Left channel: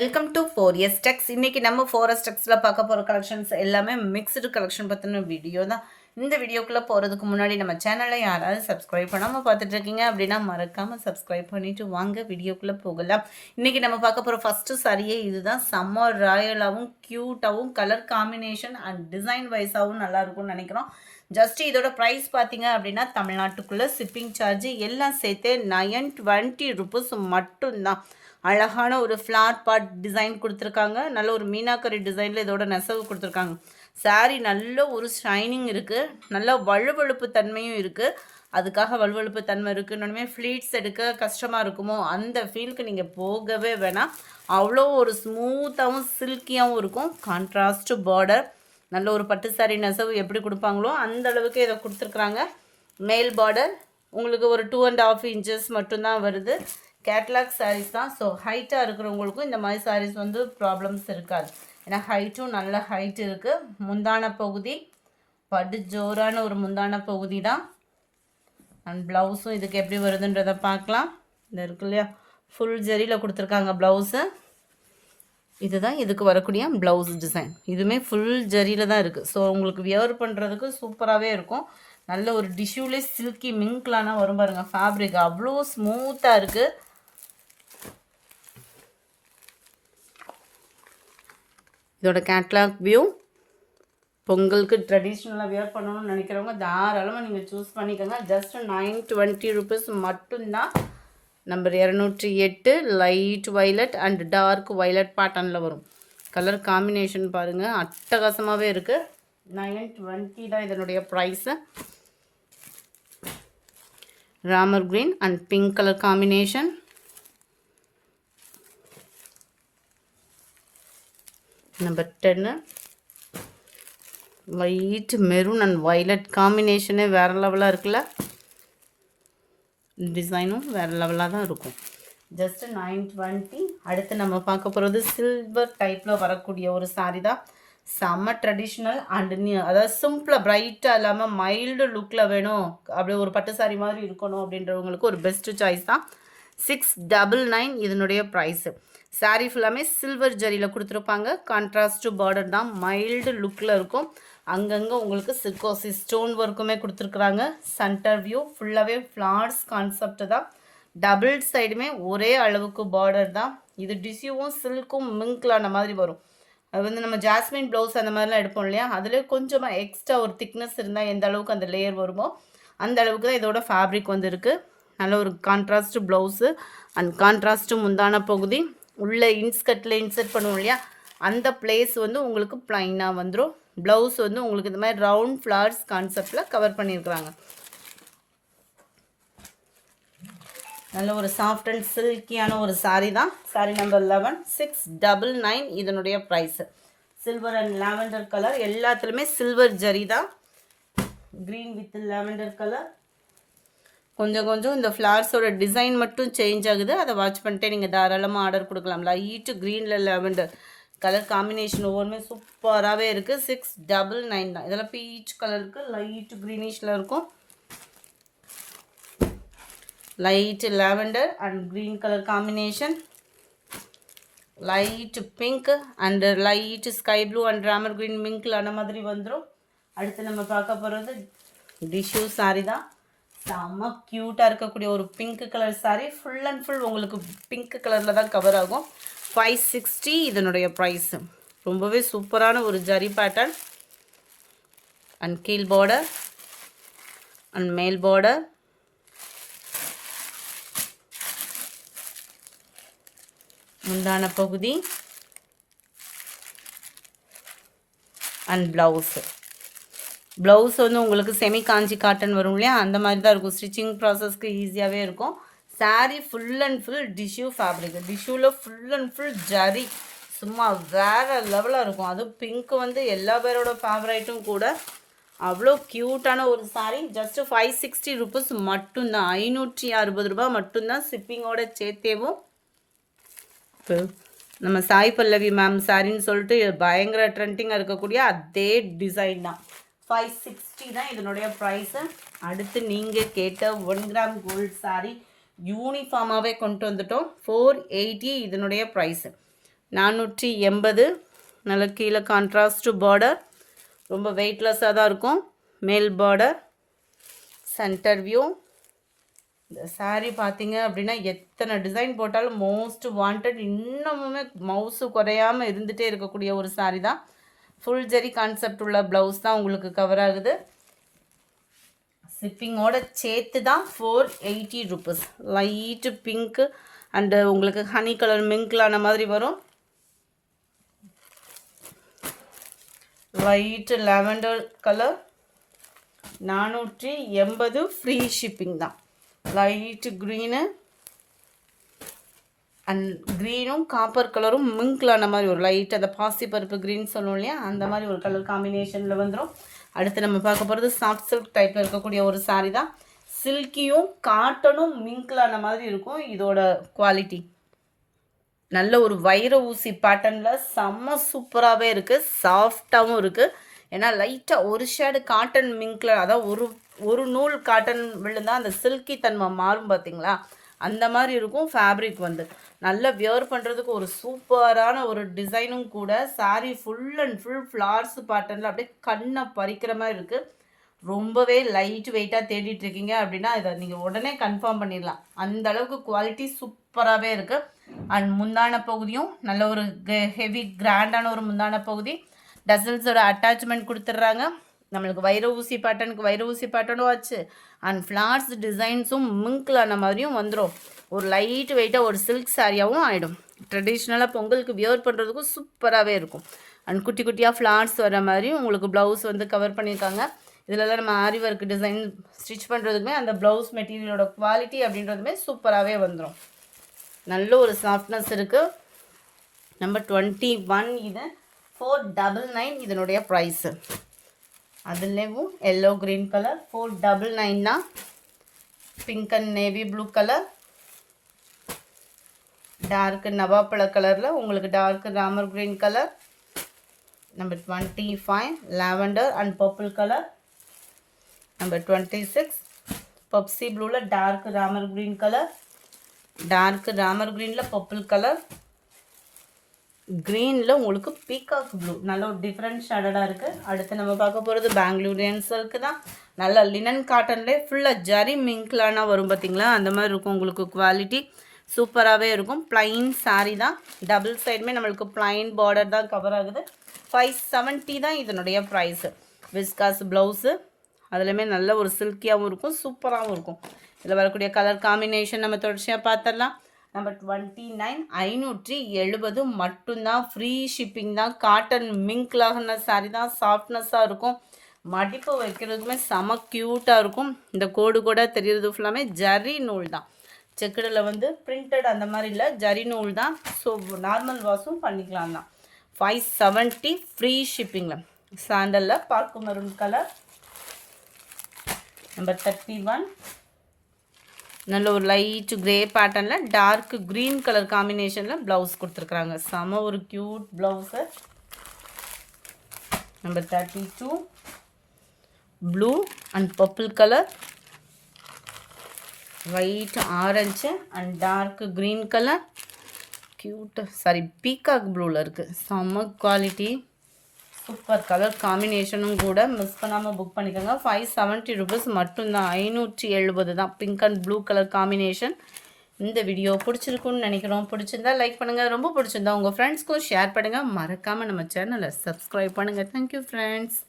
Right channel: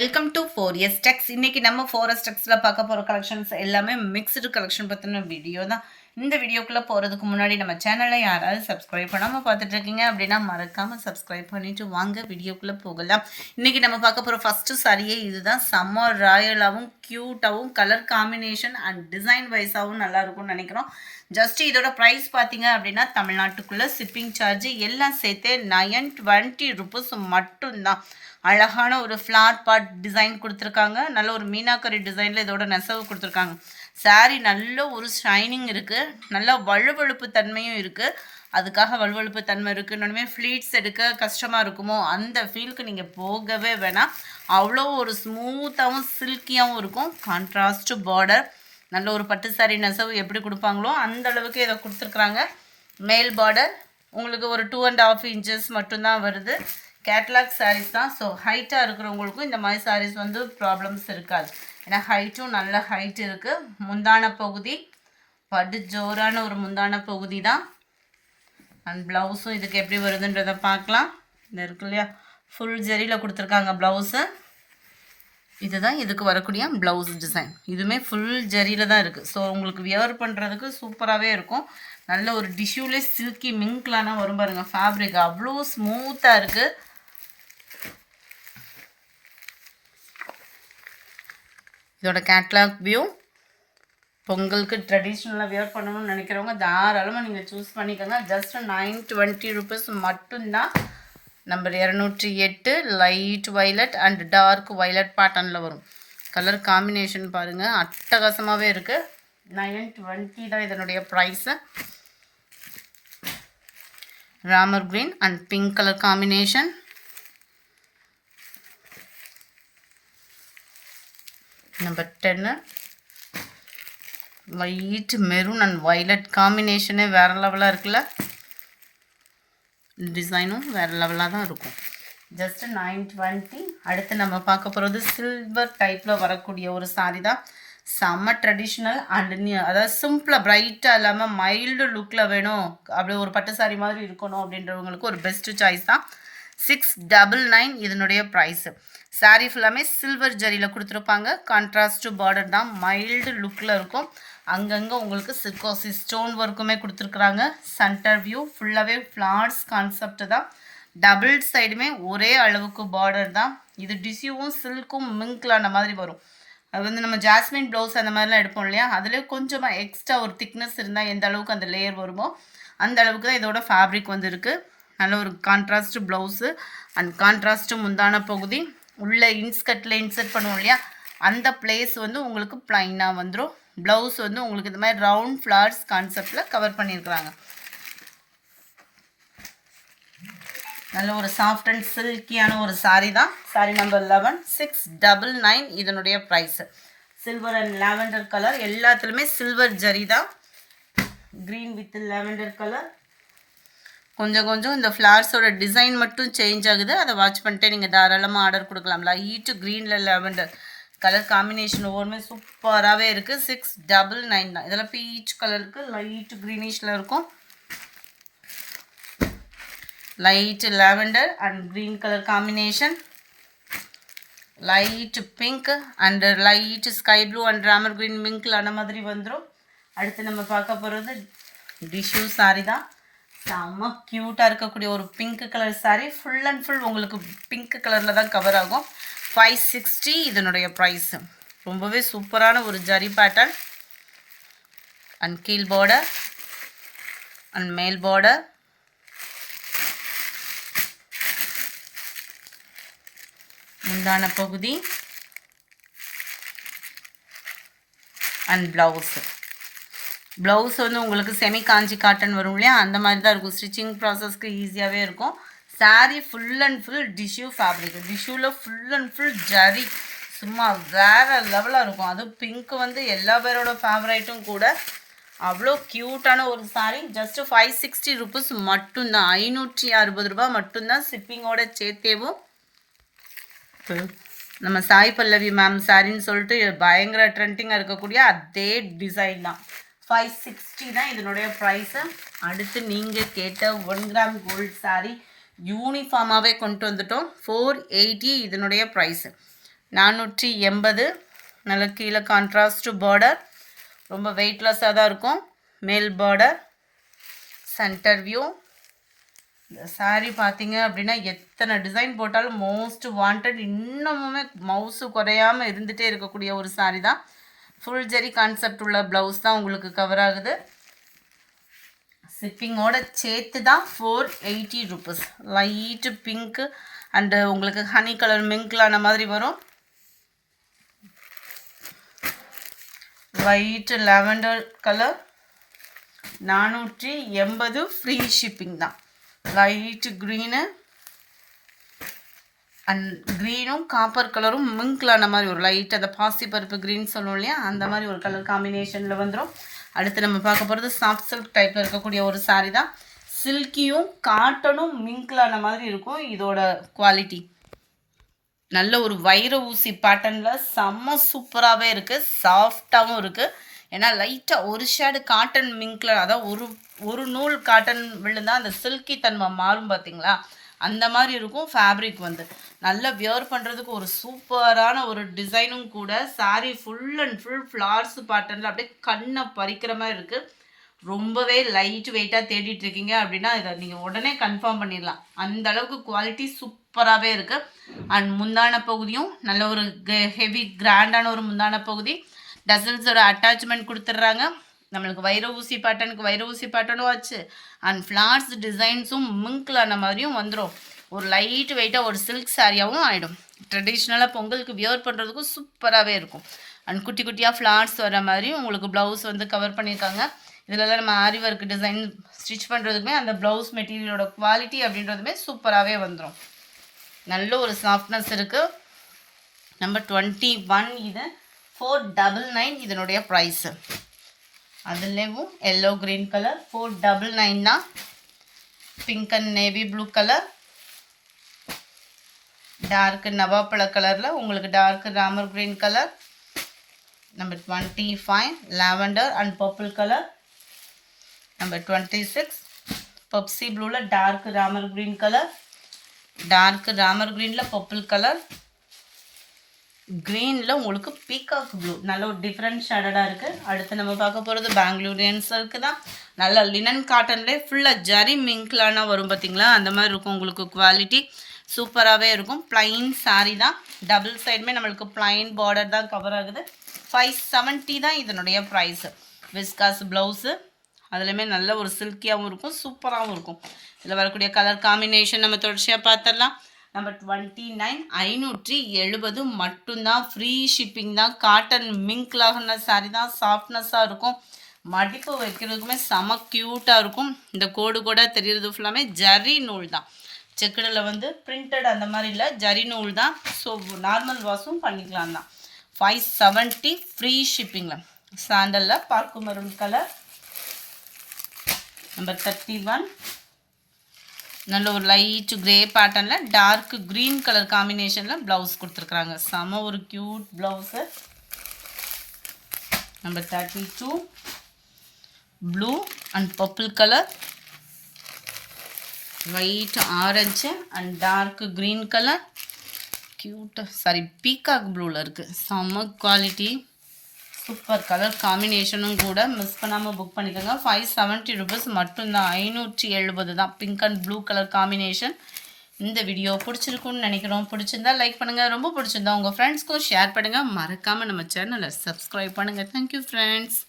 Welcome to 4S Techs. இன்னைக்கு நம்ம 4S Techsல பார்க்க போகிற கலெக்ஷன்ஸ் எல்லாமே மிக்ஸ்டு கலெக்ஷன் பற்றின வீடியோ தான். இந்த வீடியோக்குள்ளே போகிறதுக்கு முன்னாடி நம்ம சேனலை யாராவது சப்ஸ்கிரைப் பண்ணாமல் பார்த்துட்டு இருக்கீங்க அப்படின்னா மறக்காமல் சப்ஸ்கிரைப் பண்ணிவிட்டு வாங்க வீடியோக்குள்ளே போகலாம். இன்றைக்கி நம்ம பார்க்க போகிற ஃபஸ்ட்டு சாரியே இதுதான். செம்ம ராயலாகவும் க்யூட்டாகவும் கலர் காம்பினேஷன் அண்ட் டிசைன் வைஸாகவும் நல்லாயிருக்கும்னு நினைக்கிறோம். ஜஸ்ட் இதோட ப்ரைஸ் பார்த்தீங்க அப்படின்னா தமிழ்நாட்டுக்குள்ளே ஷிப்பிங் சார்ஜ் எல்லாம் சேர்த்து 920 rupees மட்டும்தான். அழகான ஒரு ஃப்ளார் பார்ட் டிசைன் கொடுத்துருக்காங்க. நல்ல ஒரு மீனாக்கரி டிசைனில் இதோட நெசவு கொடுத்துருக்காங்க. சாரீ நல்ல ஒரு ஷைனிங் இருக்குது, நல்ல வழுவழுப்பு தன்மையும் இருக்குது. அதுக்காக வழுவழுப்பு தன்மை இருக்குன்னு ஃப்ளீட்ஸ் எடுக்க கஷ்டமாக இருக்குமோ அந்த ஃபீலுக்கு நீங்கள் போகவே வேணாம். அவ்வளோ ஒரு ஸ்மூத்தாகவும் சில்கியாகவும் இருக்கும். கான்ட்ராஸ்ட் பார்டர், நல்ல ஒரு பட்டு சாரீ நெசவு எப்படி கொடுப்பாங்களோ அந்த அளவுக்கு இதை கொடுத்துருக்குறாங்க. மேல் பார்டர் உங்களுக்கு ஒரு 2.5 inches மட்டும்தான் வருது. கேட்லாக் சாரீஸ் தான். ஸோ ஹைட்டாக இருக்கிறவங்களுக்கும் இந்த மாதிரி சாரீஸ் வந்து ப்ராப்ளம்ஸ் இருக்காது. ஏன்னா ஹைட்டும் நல்ல ஹைட் இருக்குது. முந்தான பகுதி படு ஜோரான ஒரு முந்தான பகுதி தான். அண்ட் ப்ளவுஸும் இதுக்கு எப்படி வருதுன்றதை பார்க்கலாம். இந்த இருக்கு இல்லையா, ஃபுல் ஜரியில் கொடுத்துருக்காங்க ப்ளவுஸு. இதுதான் இதுக்கு வரக்கூடிய ப்ளவுஸ் டிசைன். இதுவுமே ஃபுல் ஜரியில் தான் இருக்குது. ஸோ உங்களுக்கு வியர் பண்ணுறதுக்கு சூப்பராகவே இருக்கும். நல்ல ஒரு டிஷ்யூலே சில்கி மிங்க்லானா வரும் பாருங்கள். ஃபேப்ரிக் அவ்வளோ ஸ்மூத்தாக இருக்குது. இதோட கேட்லாக் வியூ. பொங்கலுக்கு ட்ரெடிஷ்னலாக வியர் பண்ணணும்னு நினைக்கிறவங்க தாராளமாக நீங்கள் சூஸ் பண்ணிக்கோங்க. ஜஸ்ட் 920 rupees மட்டும்தான். Number 208 light violet and dark violet பேட்டர்னில் வரும். கலர் காம்பினேஷன் பாருங்கள், அட்டகாசமாகவே இருக்குது. 920 தான் இதனுடைய price. Ramar green and pink colour combination. Number 10 light maroon and violet காம்பினேஷனே வேறு லெவலாக இருக்குல்ல. டிசைனும் வேறு லெவலாக தான் இருக்கும். ஜஸ்ட் 920. அடுத்து நம்ம பார்க்க போகிறது சில்வர் டைப்பில் வரக்கூடிய ஒரு சாரீ தான். செம்ம ட்ரெடிஷ்னல் அண்ட் அதாவது சிம்பிளாக பிரைட்டாக இல்லாமல் மைல்டு லுக்கில் வேணும், அப்படி ஒரு பட்டு சாரீ மாதிரி இருக்கணும் அப்படின்றவங்களுக்கு ஒரு பெஸ்ட்டு சாய்ஸ் தான். 699 இதனுடைய ப்ரைஸு. சாரீ ஃபுல்லாமே சில்வர் ஜரியில் கொடுத்துருப்பாங்க. கான்ட்ராஸ்ட் பார்டர் தான், மைல்டு லுக்கில் இருக்கும். அங்கங்கே உங்களுக்கு சிர்கோசி ஸ்டோன் ஒர்க்குமே கொடுத்துருக்குறாங்க. சென்டர் வியூ ஃபுல்லாகவே ஃப்ளார்ஸ் கான்செப்ட் தான். டபுள் சைடுமே ஒரே அளவுக்கு பார்டர் தான். இது டிஷ்யூவும் சில்க்கும் மிங்க்லான மாதிரி வரும். அது வந்து நம்ம ஜாஸ்மின் ப்ளவுஸ் அந்த மாதிரிலாம் எடுப்போம் இல்லையா, அதில் கொஞ்சமாக எக்ஸ்ட்ரா ஒரு திக்னஸ் இருந்தால் எந்த அளவுக்கு அந்த லேயர் வருமோ அந்த அளவுக்கு தான் இதோட ஃபேப்ரிக் வந்து இருக்குது. நல்ல ஒரு கான்ட்ராஸ்ட் ப்ளவுஸு அண்ட் கான்ட்ராஸ்ட்டு முந்தான பகுதி. உள்ள இன்ஸ்கட்டில் இன்சர்ட் பண்ணுவோம் இல்லையா, அந்த பிளேஸ் வந்து உங்களுக்கு ப்ளைனாக வந்துடும். ப்ளவுஸ் வந்து உங்களுக்கு இந்த மாதிரி ரவுண்ட் ஃப்ளார்ஸ் கான்செப்டில் கவர் பண்ணியிருக்கிறாங்க. நல்ல ஒரு சாஃப்ட் அண்ட் சில்கியான ஒரு சாரீ தான். சாரீ நம்பர் 11 699 இதனுடைய price. Silver and lavender colour, எல்லாத்துலேயுமே சில்வர் ஜரி தான். Green with lavender colour. கொஞ்சம் கொஞ்சம் இந்த ஃப்ளார்ஸோட டிசைன் மட்டும் சேஞ்ச் ஆகுது. அதை வாட்ச் பண்ணிட்டே நீங்கள் தாராளமாக ஆர்டர் கொடுக்கலாம். லைட்டு க்ரீனில் லாவெண்டர் கலர் காம்பினேஷன் ஒவ்வொருமே சூப்பராகவே இருக்குது. 699 தான். இதெல்லாம் பீச் கலருக்கு லைட் க்ரீனிஷில் இருக்கும். Light lavender and green colour combination, light pink and light sky blue and Ramar green மிங்க்ல அந்த மாதிரி வந்துடும். அடுத்து நம்ம பார்க்க போகிறது டிஷ்யூ சாரீ தான். செம்ம க்யூட்டாக இருக்கக்கூடிய ஒரு pink colour sari. Full and full உங்களுக்கு பிங்க் கலரில் தான் கவர் ஆகும். 560 இதனுடைய ப்ரைஸு. ரொம்பவே சூப்பரான ஒரு ஜரி பேட்டர்ன். அண்ட் கீழ் பார்டர் அண்ட் மேல் பார்டர். முந்தான பகுதி அண்ட் ப்ளவுஸு. ப்ளவுஸ் வந்து உங்களுக்கு செமி காஞ்சி காட்டன் வரும் இல்லையா, அந்த மாதிரி தான் இருக்கும். ஸ்டிச்சிங் ப்ராசஸ்க்கு ஈஸியாகவே இருக்கும். Sari full and full tissue fabric. டிஷ்யூவில் ஃபுல் அண்ட் ஃபுல் ஜரி, சும்மா வேறு லெவலாக இருக்கும். அதுவும் பிங்க் வந்து எல்லா பேரோட ஃபேவரைட்டும் கூட. அவ்வளோ க்யூட்டான ஒரு சாரீ. ஜஸ்ட்டு 560 rupees மட்டும்தான். 560 ரூபா மட்டும்தான் ஷிப்பிங்கோட சேர்த்தேவும். நம்ம சாய் பல்லவி மேம் சாரின்னு சொல்லிட்டு பயங்கர ட்ரெண்டிங்காக இருக்கக்கூடிய அதே டிசைன் தான். 560 தான் இதனுடைய ப்ரைஸு. அடுத்து நீங்கள் கேட்ட 1 கிராம் கோல்டு சாரீ யூனிஃபார்மாகவே கொண்டு வந்துட்டோம். 480 இதனுடைய ப்ரைஸு. 480. நல்ல கீழே கான்ட்ராஸ்ட் பார்டர், ரொம்ப வெயிட்லெஸ்ஸாக தான் இருக்கும். மேல் பார்டர், சென்டர் வியூ. இந்த சாரீ பார்த்தீங்க அப்படின்னா எத்தனை டிசைன் போட்டாலும் மோஸ்ட் வாண்டட், இன்னமுமே மவுஸு குறையாமல் இருந்துகிட்டே இருக்கக்கூடிய ஒரு சாரீ தான். ஃபுல் ஜெரி கான்செப்ட் உள்ள ப்ளவுஸ் தான் உங்களுக்கு கவர் ஆகுது. ஷிப்பிங்கோட சேர்த்து தான் 480 ருபீஸ். லைட்டு பிங்க்கு அண்டு உங்களுக்கு ஹனி கலர் மிங்க்லான மாதிரி வரும். Light lavender colour 480. Free shipping தான். லைட்டு க்ரீனு அண்ட் க்ரீனும் காப்பர் கலரும் மிங்க்லான மாதிரி ஒரு லைட், அந்த பாசி பருப்பு க்ரீன் சொல்லுவோம் இல்லையா, அந்த மாதிரி ஒரு கலர் காம்பினேஷனில் வந்துடும். அடுத்து நம்ம பார்க்க போகிறது சாஃப்ட் சில்க் டைப்பில் இருக்கக்கூடிய ஒரு சாரீ தான். சில்கியும் காட்டனும் மிங்க்லான மாதிரி இருக்கும். இதோட குவாலிட்டி நல்ல ஒரு வைர ஊசி பேட்டர்னில் செம்ம சூப்பராகவே இருக்குது. சாஃப்டாகவும் இருக்குது. ஏன்னா லைட்டாக ஒரு ஷேடு காட்டன் மிங்க்ல, அதாவது ஒரு நூல் காட்டன் விழுந்தால் அந்த சில்கி தன்மை மாறும் பார்த்தீங்களா, அந்த மாதிரி இருக்கும். ஃபேப்ரிக் வந்து நல்லா வியர் பண்ணுறதுக்கு ஒரு சூப்பரான ஒரு டிசைனும் கூட. Sari full and full flowers பேட்டர்னில் அப்படியே கண்ணை பறிக்கிற மாதிரி இருக்குது. ரொம்பவே லைட் வெயிட்டாக தேடிட்டு இருக்கீங்க அப்படின்னா இதை நீங்கள் உடனே கன்ஃபார்ம் பண்ணிடலாம். அந்த அளவுக்கு குவாலிட்டி சூப்பராகவே இருக்குது. அண்ட் முந்தான பகுதியும் நல்ல ஒரு ஹெவி கிராண்டான ஒரு முந்தான பகுதி. டசல்ஸோட அட்டாச்மெண்ட் கொடுத்துட்றாங்க. நம்மளுக்கு வைர ஊசி பேட்டர்னுக்கு வைர ஊசி பேட்டர்னும் ஆச்சு. அண்ட் ஃப்ளார்ஸ் டிசைன்ஸும் மிங்க்லான மாதிரியும் வந்துடும். ஒரு லைட் வெயிட்டாக ஒரு சில்க் சாரியாகவும் ஆகிடும். ட்ரெடிஷ்னலாக பொங்கலுக்கு வியர் பண்ணுறதுக்கும் சூப்பராகவே இருக்கும். அண்ட் குட்டி குட்டியாக ஃப்ளார்ஸ் வர மாதிரி உங்களுக்கு ப்ளவுஸ் வந்து கவர் பண்ணியிருக்காங்க. இதிலலாம் நம்ம ஆரி ஒர்க் டிசைன் ஸ்டிச் பண்ணுறதுக்குமே அந்த ப்ளவுஸ் மெட்டீரியலோட குவாலிட்டி அப்படின்றதுமே சூப்பராகவே வந்துடும். நல்ல ஒரு சாஃப்ட்னஸ் இருக்குது. நம்பர் 21. இது 499 இதனுடைய ப்ரைஸு. அதுலேயும் எல்லோ க்ரீன் கலர் 499 தான். Pink and navy blue colour, dark நவாப்பழ கலரில் உங்களுக்கு dark Ramar green colour. Number 25 lavender and purple colour. Number 26 Pepsi ப்ளூவில் dark Ramar green colour, dark Ramar க்ரீனில் பர்பிள் கலர், க்ரீனில் உங்களுக்கு பீகாக் ப்ளூ, நல்ல ஒரு டிஃப்ரெண்ட் ஷேடடாக இருக்குது. அடுத்து நம்ம பார்க்க போகிறது பெங்களூரியன் சில்க்கு தான். நல்லா லினன் காட்டன்லேயே ஃபுல்லாக ஜரி மிங்க்லான வரும் பார்த்தீங்களா, அந்த மாதிரி இருக்கும். உங்களுக்கு குவாலிட்டி சூப்பராகவே இருக்கும். ப்ளைன் சாரீ தான். டபுள் சைடுமே நம்மளுக்கு ப்ளைன் பார்டர் தான் கவர் ஆகுது. 570 தான் இதனுடைய ப்ரைஸு. விஸ்காஸ் ப்ளவுஸு, அதுலேயுமே நல்ல ஒரு சில்கியாகவும் இருக்கும், சூப்பராகவும் இருக்கும். இதில் வரக்கூடிய கலர் காம்பினேஷன் நம்ம தொடர்ச்சியாக பார்த்துடலாம். நம்பர் 29 570 மட்டும்தான். ஃப்ரீ ஷிப்பிங் தான். காட்டன் மிங்க்லாகின சாரீ தான். சாஃப்ட்னஸாக இருக்கும். மடிப்பு வைக்கிறதுக்குமே செம க்யூட்டாக இருக்கும். இந்த கோடு கூட தெரிகிறது ஃபுல்லாமே ஜரி நூல் தான். செக்குடில் வந்து பிரிண்டட் அந்த மாதிரி இல்லை, ஜரி நூல் தான். ஸோ நார்மல் வாஷும் பண்ணிக்கலாம் தான். 570 ஃப்ரீ ஷிப்பிங்கில். சாண்டலில் பார்க்கு மரூன் கலர். நம்பர் 31 நல்ல ஒரு லைட் கிரே பேட்டர்னில் டார்க் க்ரீன் கலர் காம்பினேஷனில் ப்ளவுஸ் கொடுத்துருக்குறாங்க. செம ஒரு cute blouse. Number 32 blue and purple colour, white orange and dark green colour. க்யூட்டாக சாரி பீகாக் ப்ளூவில் இருக்குது. செம குவாலிட்டி, சூப்பர் கலர் காம்பினேஷனும் கூட. மிஸ் பண்ணாமல் புக் பண்ணிக்கோங்க. 570 ருபீஸ் மட்டும்தான். 570 தான். Pink and blue colour combination. இந்த வீடியோ பிடிச்சிருக்குன்னு நினைக்கிறோம். பிடிச்சிருந்தா லைக் பண்ணுங்கள். ரொம்ப பிடிச்சிருந்தா உங்கள் ஃப்ரெண்ட்ஸ்க்கும் ஷேர் பண்ணுங்கள். மறக்காமல் நம்ம சேனலை சப்ஸ்கிரைப் பண்ணுங்கள். Thank you friends.